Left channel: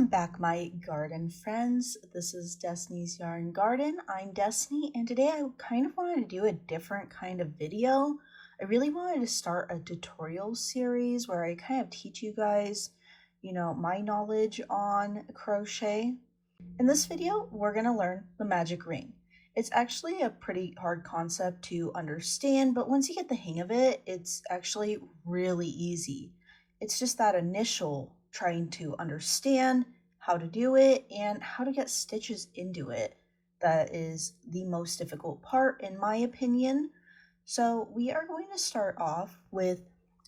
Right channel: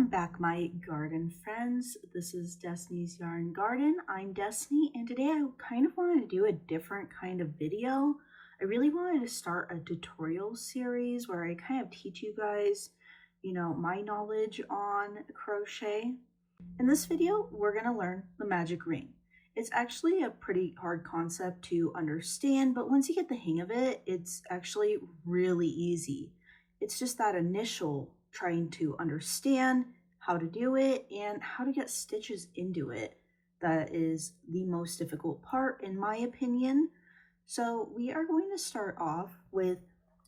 Welcome back, my garden friends. This is Destiny's Yarn Garden. I'm Destiny, and today I kind of wanted to do a different kind of video. I really wanted to start a tutorial series where I kind of teach you guys, my knowledge on crochet. In this video, we're going to learn the magic ring. It's actually a pretty hard concept to understand, but once you get the hang of it, it's actually really easy. It's just that initial trying to understand how to do it and how to get stitches into it that is the most difficult part, in my opinion. So we are going to start off with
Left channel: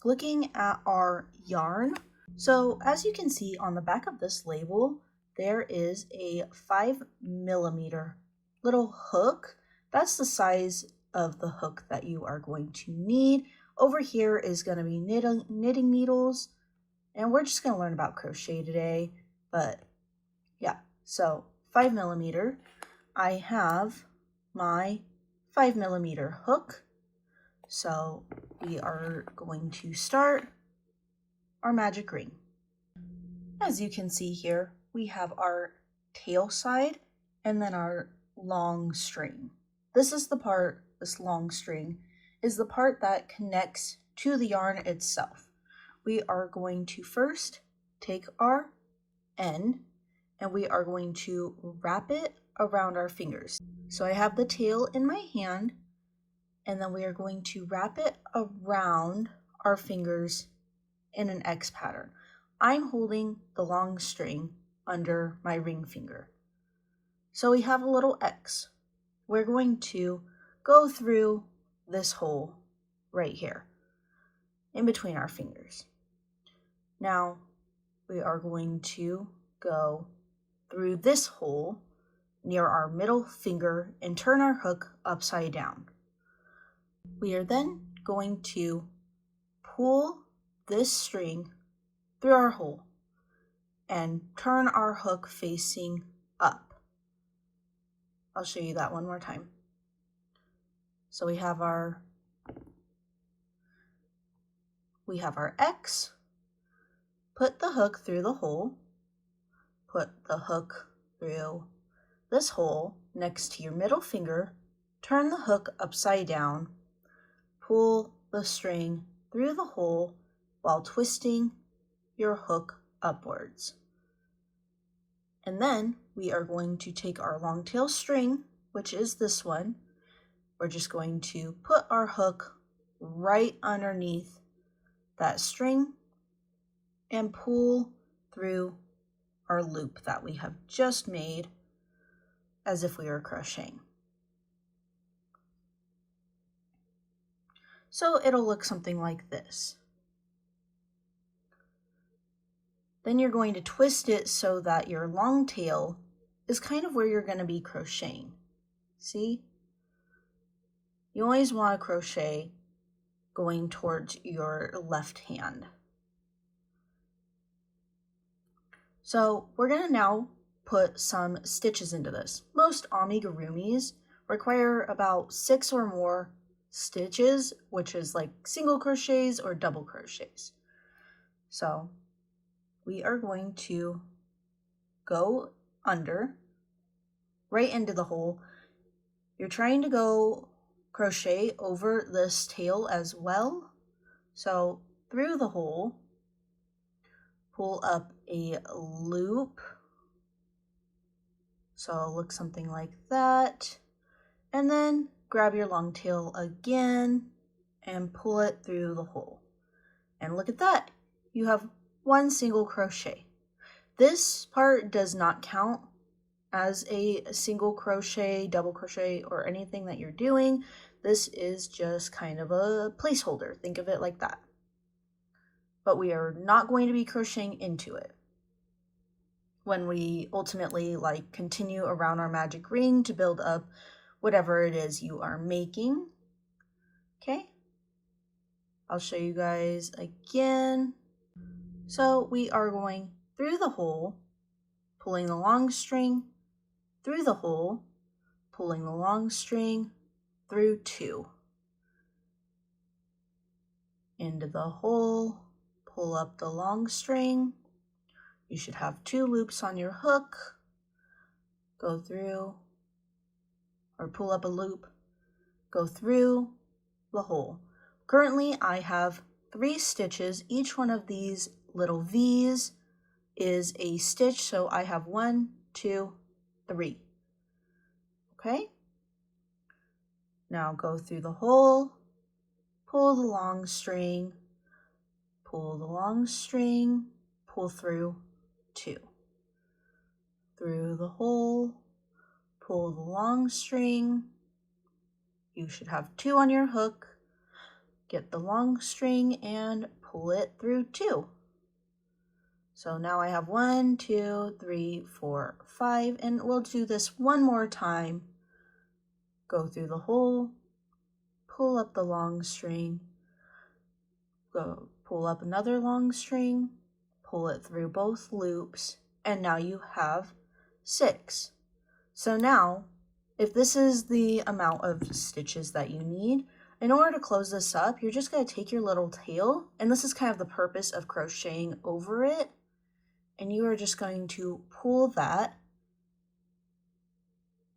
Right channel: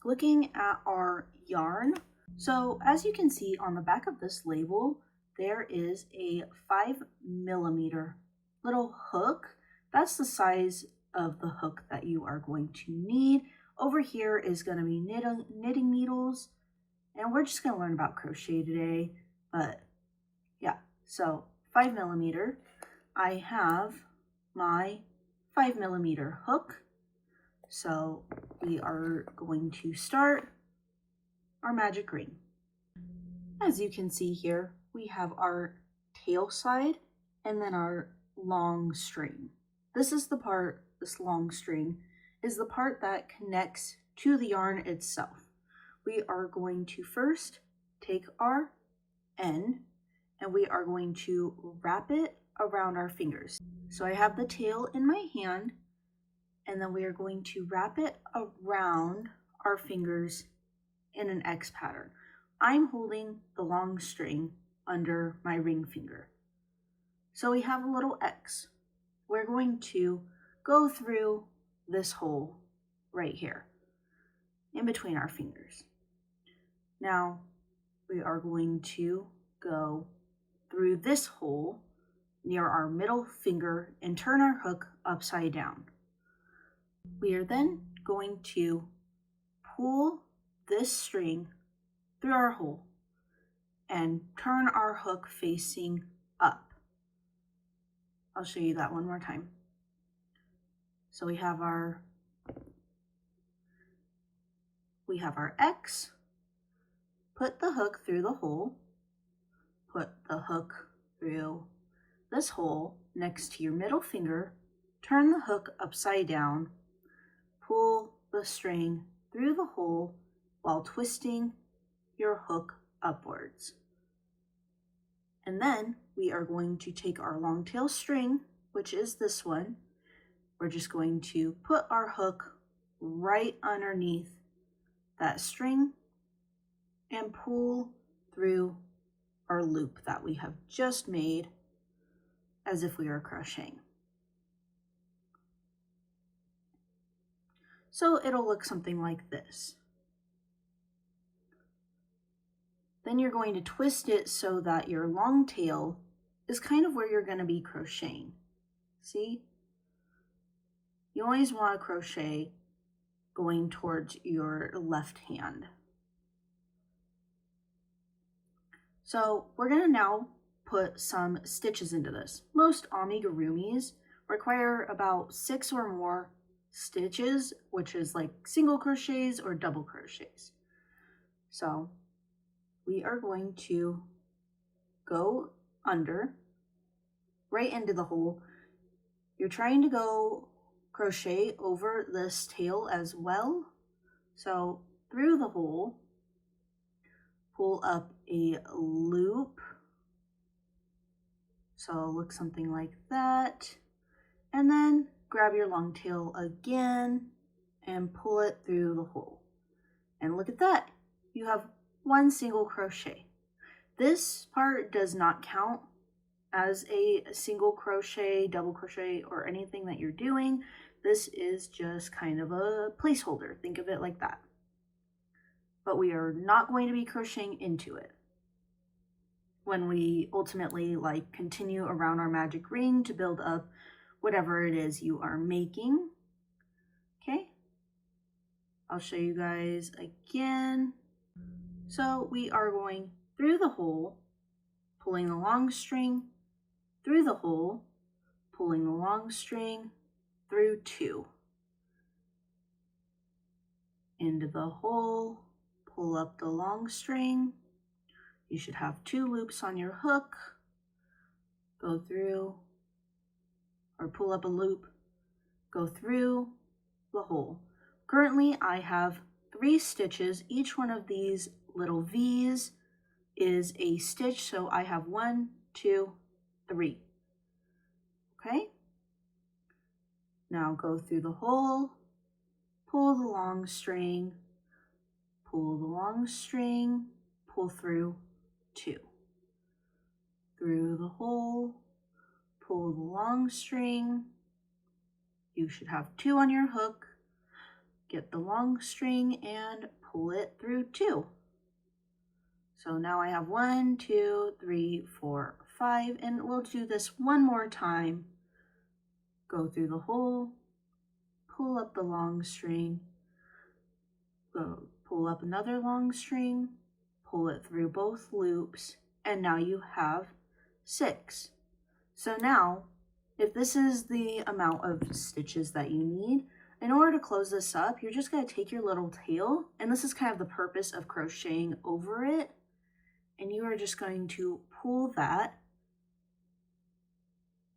looking at our yarn. So as you can see on the back of this label, there is a 5mm little hook. That's the size of the hook that you are going to need. Over here is going to be knitting needles, and we're just going to learn about crochet today. But yeah, so 5mm. I have my 5mm hook. So we are going to start our magic ring. As you can see here, we have our tail side and then our long string. This is the part, this long string is the part that connects to the yarn itself. We are going to first take our end and we are going to wrap it around our fingers. So I have the tail in my hand, and then we are going to wrap it around our fingers in an X pattern. I'm holding the long string under my ring finger. So we have a little X. We're going to go through this hole right here in between our fingers. Now we are going to go through this hole near our middle finger and turn our hook upside down. We are then going to pull this string through our hole and turn our hook facing up. I'll show you that one more time. So we have our X. Put the hook through the hole. Put the hook through this hole next to your middle finger. Turn the hook upside down. Pull the string through the hole while twisting your hook upwards. And then we are going to take our long tail string, which is this one. We're just going to put our hook right underneath that string and pull through our loop that we have just made as if we were crocheting. So it'll look something like this. Then you're going to twist it so that your long tail is kind of where you're going to be crocheting. See? You always want to crochet going towards your left hand. So we're going to now put some stitches into this. Most amigurumis require about 6 or more stitches, which is like single crochets or double crochets. So we are going to go under right into the hole. You're trying to go crochet over this tail as well. So through the hole, pull up a loop. So it'll look something like that. And then grab your long tail again and pull it through the hole. And look at that. You have one single crochet. This part does not count as a single crochet, double crochet, or anything that you're doing. This is just kind of a placeholder. Think of it like that. But we are not going to be crocheting into it when we ultimately continue around our magic ring to build up whatever it is you are making. Okay, I'll show you guys again. So we are going through the hole, pulling the long string, through the hole, pulling the long string, through 2, into the hole, pull up the long string. You should have 2 loops on your hook. Go through, or pull up a loop, go through the hole. Currently I have 3 stitches. Each one of these little V's is a stitch, so I have 1, 2, 3. Okay? Now go through the hole, pull the long string, pull the long string, pull through 2. Through the hole, pull the long string. You should have 2 on your hook. Get the long string and pull it through 2. So now I have 1, 2, 3, 4, 5, and we'll do this one more time. Go through the hole, pull up the long string, go pull up another long string, pull it through both loops, and now you have 6. So now, if this is the amount of stitches that you need, in order to close this up, you're just going to take your little tail, and this is kind of the purpose of crocheting over it, and you are just going to pull that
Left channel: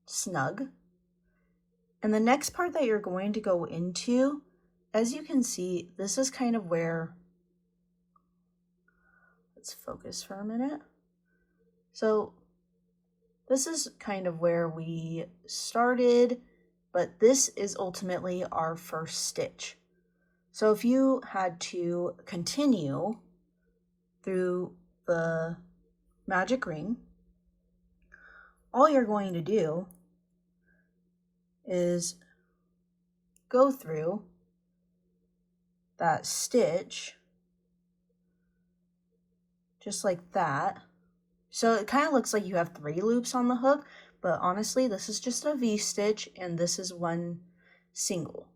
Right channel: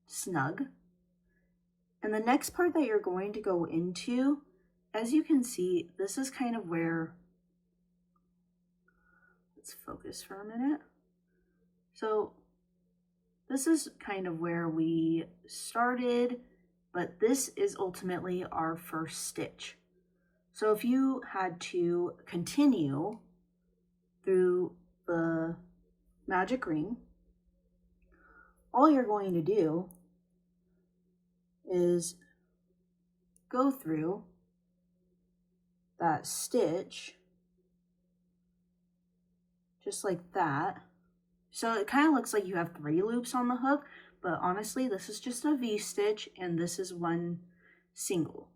snug. And the next part that you're going to go into, as you can see, this is kind of where, let's focus for a minute. So this is kind of where we started, but this is ultimately our first stitch. So if you had to continue through the magic ring, all you're going to do is go through that stitch just like that. So it kind of looks like you have 3 loops on the hook, but honestly this is just a V-stitch and this is one single.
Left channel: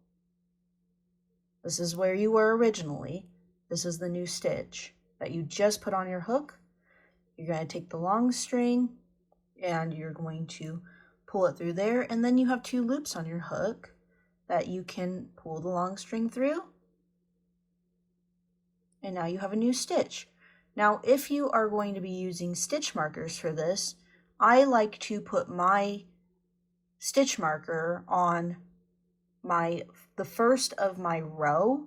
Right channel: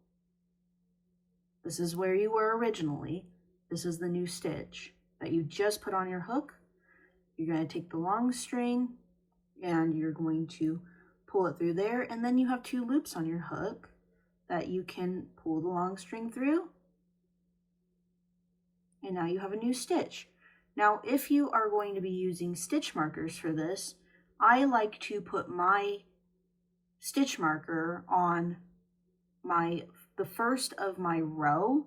This is where you were originally. This is the new stitch that you just put on your hook. You're going to take the long string and you're going to pull it through there, and then you have 2 loops on your hook that you can pull the long string through, and now you have a new stitch. Now if you are going to be using stitch markers for this, I like to put my stitch marker on the first of my row.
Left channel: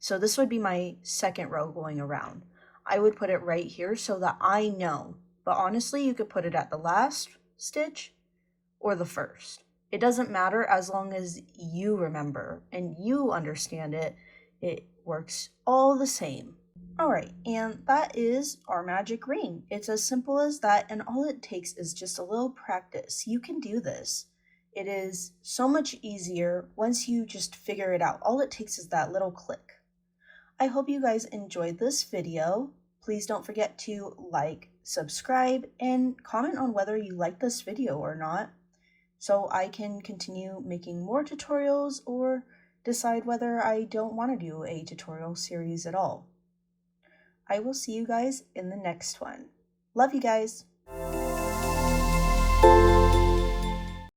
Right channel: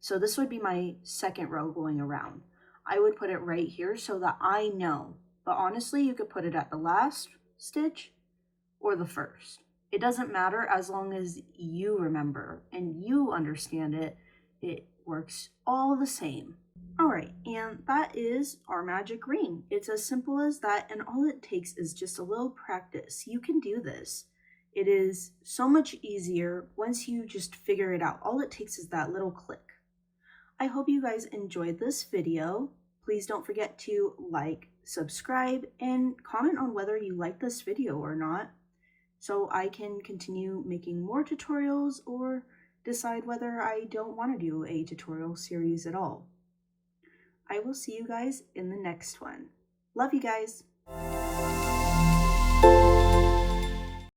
So this would be my second row going around. I would put it right here so that I know, but honestly you could put it at the last stitch or the first. It doesn't matter as long as you remember and you understand it. It works all the same. Alright, and that is our magic ring. It's as simple as that, and all it takes is just a little practice. You can do this. It is so much easier once you just figure it out. All it takes is that little click. I hope you guys enjoyed this video. Please don't forget to like, subscribe, and comment on whether you like this video or not, so I can continue making more tutorials or decide whether I don't want to do a tutorial series at all. I will see you guys in the next one. Love you guys!